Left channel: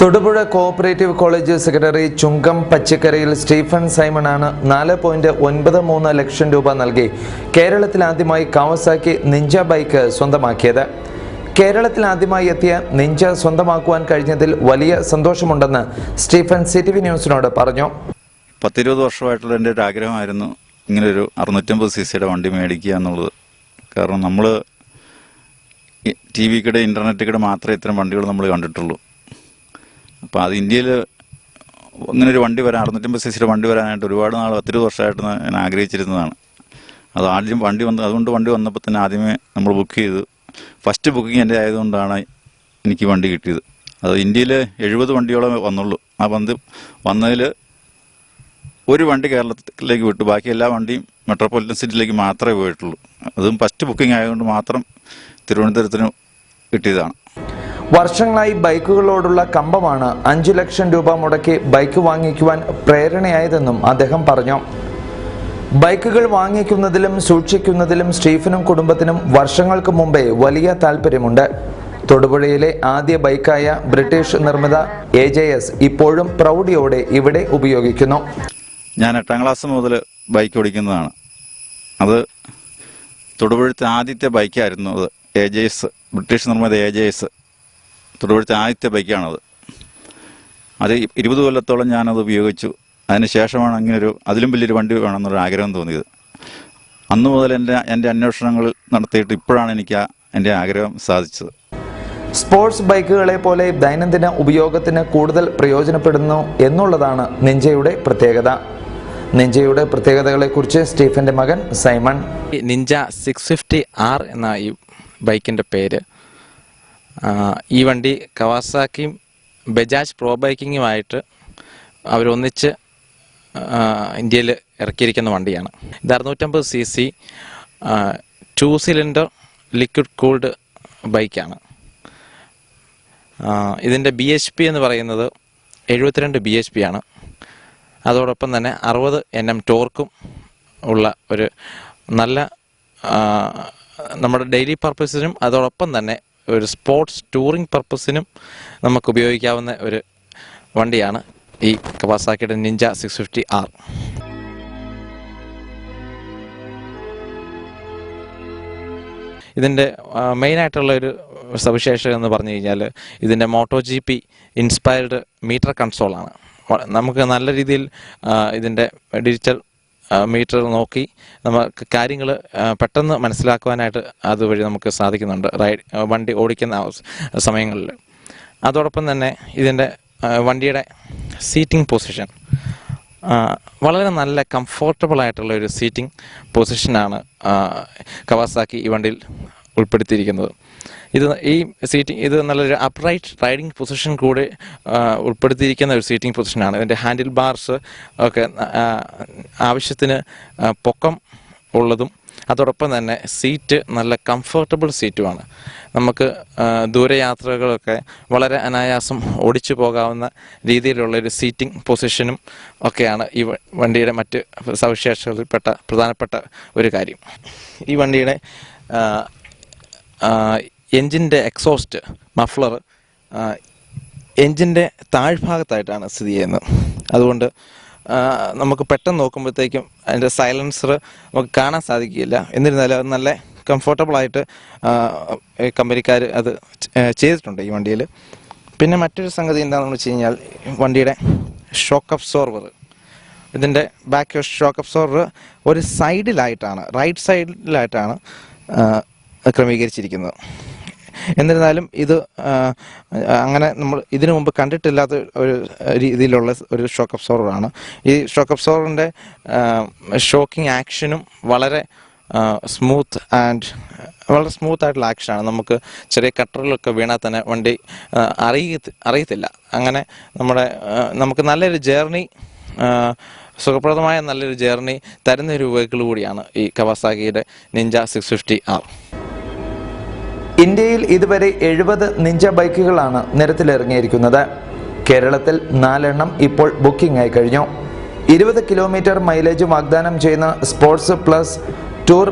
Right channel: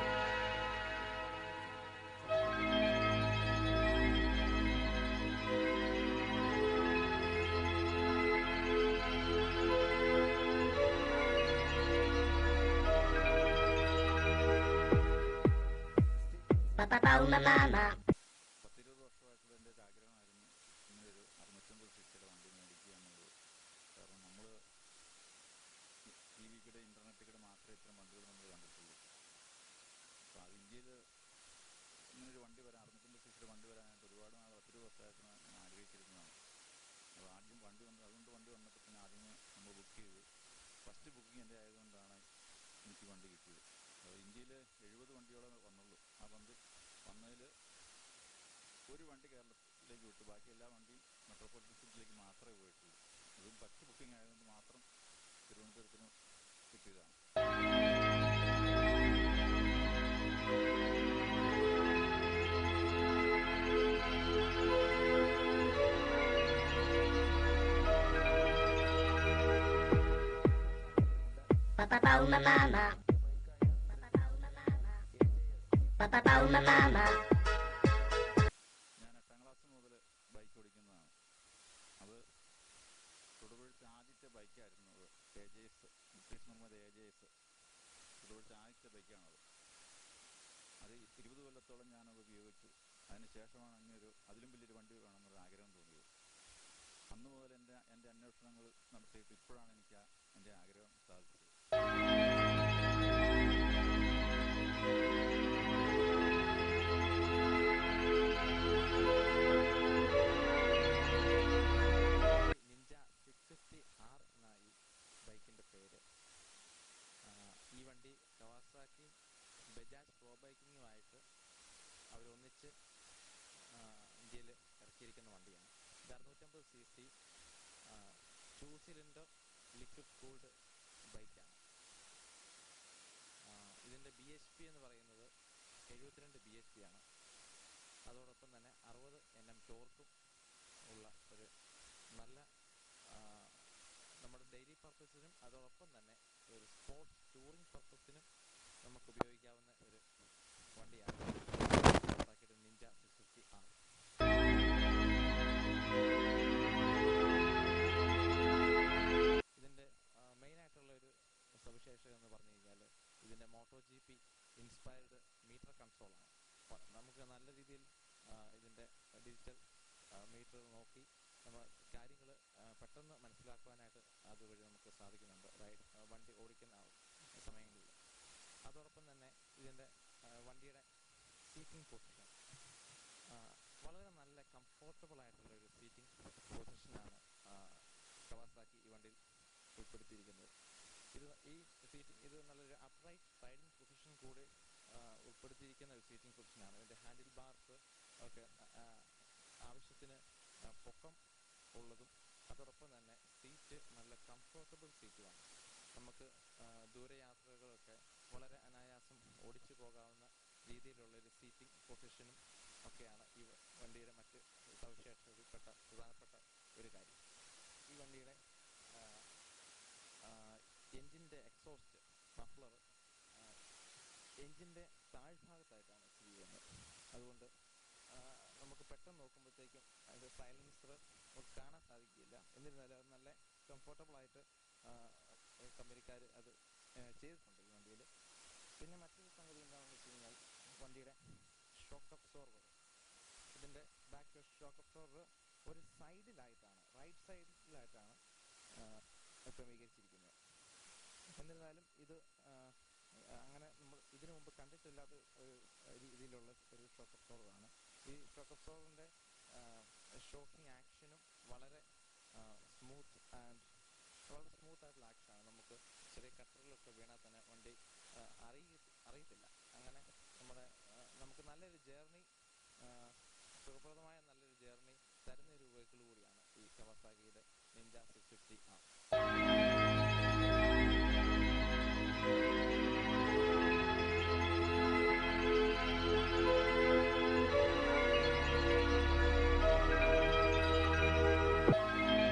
Thodupuzha cooperative college secretary ചുങ്കം പച്ചക്കരയിൽ Stephen സൈമണാണ് 4.93 ലക്ഷം രൂപ നൽകി കേരളത്തിൽ ആദ്യമായി കാവസാക്കി നിഞ്ച ബൈക്ക് സ്വന്തമാക്കിയത്. കേരളത്തിൽ ആദ്യമായി എത്തിയ നിഞ്ച സ്വന്തമാക്കുവാൻ കഴിഞ്ഞതിൽ വലിയ സന്തോഷമുണ്ടെന്ന് സ്റ്റീഫൻ CTV ന്യൂസിനോട് പറഞ്ഞു. 10-20 വർഷമായിട്ടുള്ള എൻ്റെ ഒരു ആഗ്രഹമായിരുന്നു ഇങ്ങനൊരു 650cc വണ്ടി മേടിക്കുക എന്നുള്ളത്. കാരണം നമ്മൾ TV കൂടെ ഇൻ്റർനെറ്റ് കൂടെ മാത്രമേ ഇത്തരം വണ്ടികൾ നമ്മൾ കണ്ടിട്ടുള്ളൂ. അപ്പോൾ അത് ഇന്ത്യയിൽ ഇങ്ങനൊരു വണ്ടി വരാൻ 650cc വണ്ടി വരാനായിട്ട് ഒരുപാട് നാൾ 10-20 വർഷമായിട്ട് ഞാൻ ആഗ്രഹിച്ചിരുന്നതാണ്. അത് ആദ്യം അതുകൊണ്ട് വണ്ടി വന്നപ്പോൾ തന്നെ ആദ്യമേ നമ്മൾ ബുക്ക് ചെയ്തു. ഫസ്റ്റ് ബുക്കിംഗ് എൻ്റെ ആയതുകൊണ്ടാണ് എനിക്ക് വണ്ടി കിട്ടിയത്. അത് ഇന്ത്യയിൽ 70 വണ്ടിയോളം വന്നുള്ളൂ. ആ വന്നതിൽ ഒരു വണ്ടി കേരളത്തിലേക്ക് വിട്ടു, ബാക്കി എല്ലാ വണ്ടിയും മെട്രോപൊളിറ്റൻ സിറ്റിയിലേക്ക് മാത്രമേ പോയിട്ടുള്ളൂ. അതും ഫസ്റ്റ് ബുക്കിംഗ് ആയതുകൊണ്ട് മാത്രം തിരുവനന്തപുരത്തിന് കിട്ടിയതാണ്. വർഷങ്ങളായി ബൈക്കുകളോടുള്ള കമ്പമാണ് 5 ലക്ഷം രൂപ മുടക്കി ബൈക്ക് വാങ്ങിക്കുവാൻ പ്രേരണയായതെന്നും അദ്ദേഹം പറഞ്ഞു. ബൈക്കുകൾ വാങ്ങിക്കുന്നതിലും സൂക്ഷിക്കുന്നതിലും സ്റ്റീഫനും കുടുംബത്തിനും വർഷങ്ങൾക്ക് മുമ്പേ വലിയ താല്പര്യമുണ്ട്. തൊടുപുഴയിലെ ആദ്യ ബൈക്കായ ബ്രിട്ടീഷ് നിർമ്മിത AJS ഇപ്പോഴും പ്രൗഢിയോടെ ഇവിടെ ഉപയോഗിക്കുന്നു. ഞാൻ 8ാം ക്ലാസ് മുതൽ ബൈക്ക് ഓടിക്കുന്നതാണ്. അത് തൊടുപുഴത്തെ ആദ്യത്തെ ബൈക്കായിരുന്നു. അത് AJS, ബ്രിട്ടീഷ് നിർമ്മിത AJS തൊടുപുഴത്തെ ആദ്യത്തെ ബൈക്കാണത്. അത് 20 കൊല്ലത്തോളം ഞാനത് ഉപയോഗിച്ചു. അതിന് ശേഷമാണ് അങ്ങനൊരു അതിലും വലിയൊരു വണ്ടി വേണമെന്നൊരു ആഗ്രഹം തോന്നിയത്. അന്നു മുതൽ എൻ്റെ അന്വേഷണങ്ങൾ നടത്തിയിട്ട് ഇപ്പോഴാണ് എനിക്ക് എൻ്റെ ആഗ്രഹം സാധിച്ചത്. സ്പോർട്സ് ബൈക്കുകളെ പോലെ ദൈനംദിന ഉപയോഗത്തിന് കൂടുതൽ പ്രയോജനപ്പെടുന്നു എന്നുള്ളതാണ് നിഞ്ചയുടെ പ്രത്യേകത. നിഞ്ചയുടെ പ്രത്യേകതകളെക്കുറിച്ച് സ്റ്റീഫന്റെ മകൻ സൈമൺ. നിഞ്ച 650R എന്ന ഈ ബൈക്കിൻ്റെ പേര്. ഈ വണ്ടി കവാസാക്കിയും ബജാജ് പ്രോ ബൈക്കിങ്ങുമായിട്ട് അവരൊന്നിച്ച് ഇന്ത്യയിൽ ഇറക്കിയിരിക്കുന്ന വണ്ടിയാണ്. ഇത് 650cc 2 സിലിണ്ടർ ലിക്വിഡ് കൂൾഡ് ബൈക്കാണ്. ഇതിൻ്റെ BHP എന്ന് പറയുന്നത് 72 BHP ആണ്. അതോടൊപ്പം തന്നെ 60 Nm ടോർക്കും ഉള്ള ഒരു നല്ല നമ്മുടെ ഡെയിലി പർപ്പസിനും അതോടൊപ്പം തന്നെ ഒരു സ്പോർട്സ് ടൂറിംഗ് പർപ്പസിനും നമുക്ക് ഉപയോഗിക്കാവുന്ന ഒരു വണ്ടിയാണ് ഈ കവാസാക്കിയുടെ നിഞ്ച 650R. ഇതിൻ്റെ മെയിനായിട്ടുള്ള ഒരു സവിശേഷത എന്ന് പറഞ്ഞു കഴിഞ്ഞാൽ ഇതിൻ്റെ MotoGP ഇൻസ്പയർഡ് മീറ്റർ കൺസോളാണ്. നമുക്ക് നല്ല രീതിയിൽ ഇതിൻ്റെ ഡിജിറ്റൽ മീറ്റർ നോക്കി നമുക്ക് കാര്യങ്ങൾ പെട്ടെന്ന് മനസ്സിലാക്കുവാനായിട്ട് അതുവഴി നമുക്ക് സാധിക്കുന്നുണ്ട് വണ്ടി ഓടിക്കുന്ന സമയങ്ങളിൽ. അതോടൊപ്പം തന്നെ ഇതിൻ്റെ വണ്ടിയുടെ സീറ്റിംഗ് പൊസിഷൻ വളരെ നല്ല കംഫോർട്ടബിൾ ആയിട്ടുള്ള ഒരു സീറ്റിംഗ് പൊസിഷനാണ് കവാസാക്കി ഈ വണ്ടിയിൽ ഉൾപ്പെടുത്തിയിരിക്കുന്നത്. ഇത് നല്ലൊരു അപ്രൈറ്റ് റൈഡിംഗ് പൊസിഷൻ കൂടെ ഉൾപ്പെടുത്തിയിരിക്കുന്ന ഒരു സീറ്റിംഗ് പൊസിഷനാണ്. ഇതിൻ്റെ ഹാൻഡിൽ ബാർസ് ഒക്കെ ആവശ്യത്തിന് പൊക്കം ഉള്ളതും അതോടൊപ്പം തന്നെ സീറ്റ് നല്ല കംഫർട്ടബിൾ സീറ്റുമാണ്. നമുക്ക് ദൂരയാത്രകളൊക്കെ വളരെ അനായാസം ഓടിച്ചു പോകാവുന്ന രീതിയിലുള്ളൊരു സീറ്റിംഗ് പൊസിഷനും ഒക്കെയാണ് ഈ വണ്ടിയുടെ മറ്റ് സവിശേഷതയിൽപ്പെട്ട പ്രധാനപ്പെട്ട ഒരു കാര്യം. ഈ വണ്ടിയുടെ എൻജിൻ്റെ എക്സോസ്റ്റ് മഫ്ലർ എൻജിൻ്റെ താഴ്ഭാഗത്തായിട്ടാണ് സ്ഥിതി ചെയ്യുന്നത്. അതുകൊണ്ട് നമുക്ക് പെട്ടെന്ന് നോക്കുമ്പോഴത്തേക്കും അതിൻ്റെ സൈലൻസർ നമുക്ക് കാണാൻ സാധിക്കില്ല. എന്നിരുന്നാലും അത് നല്ല കംഫർട്ടബിളായിട്ട് കമ്പനിക്കാർ അത് ചെയ്തിട്ടുണ്ട് ഈ വണ്ടിയിൽ. പിന്നെ മറ്റൊരു സംഗതി എന്താണെന്ന് വെച്ച് കഴിഞ്ഞാൽ വണ്ടിയുടെ ഷോക്ക് അബ്സോർവർ. ഇതിൻ്റെ ബാക്ക് ഷോക്ക് അബ്സോർവർ ഒരു സൈഡിലായിട്ടാണ്, റൈറ്റ് സൈഡിലായിട്ടാണ് ക്രമീകരിച്ചിരിക്കുന്നത്. എന്നിരുന്നാലും ഇത് അങ്ങനെ നമ്മൾ ഇതിനു മുമ്പ് കണ്ടിട്ടില്ലാത്ത ഒരു രീതിയിലുള്ള ഒരു ഷോക്ക് അബ്സോർവറാണ്. ഈ ഷോക്ക് അബ്സോർവറിൻ്റെ ഷോക്കിംഗ് ആക്ഷനും വളരെ സ്മൂത്ത് ആയിട്ടുള്ള ആക്ഷനാണ്. നമുക്ക് ചെറിയ കട്ടറിലൊക്കെ വീണാൽ തന്നെ വണ്ടി അറിയത്തില്ല. അങ്ങനെ നമുക്ക് നല്ലൊരു ജേർണി, സുഖപ്രദമായ നല്ലൊരു ജേർണി തരുന്ന ഒരു വെഹിക്കിൾ കൂടിയാണ് ഈ കവാസാക്കിയുടെ നിഞ്ച 650R. ഇന്ത്യയിൽ ഇതുവരെ 70 നിഞ്ച ബൈക്കുകളാണ് നിരത്തിലിറങ്ങിയിരിക്കുന്നത്. കേരളത്തിൽ 4 എണ്ണം ഇപ്പോൾ ബുക്കിംഗ് ആയി കഴിഞ്ഞു. 20 കിലോമീറ്റർ മൈലേജ് വാഗ്ദാനം ചെയ്യുന്ന സ്പോർട്സ് പ്ലസ് ടൂർ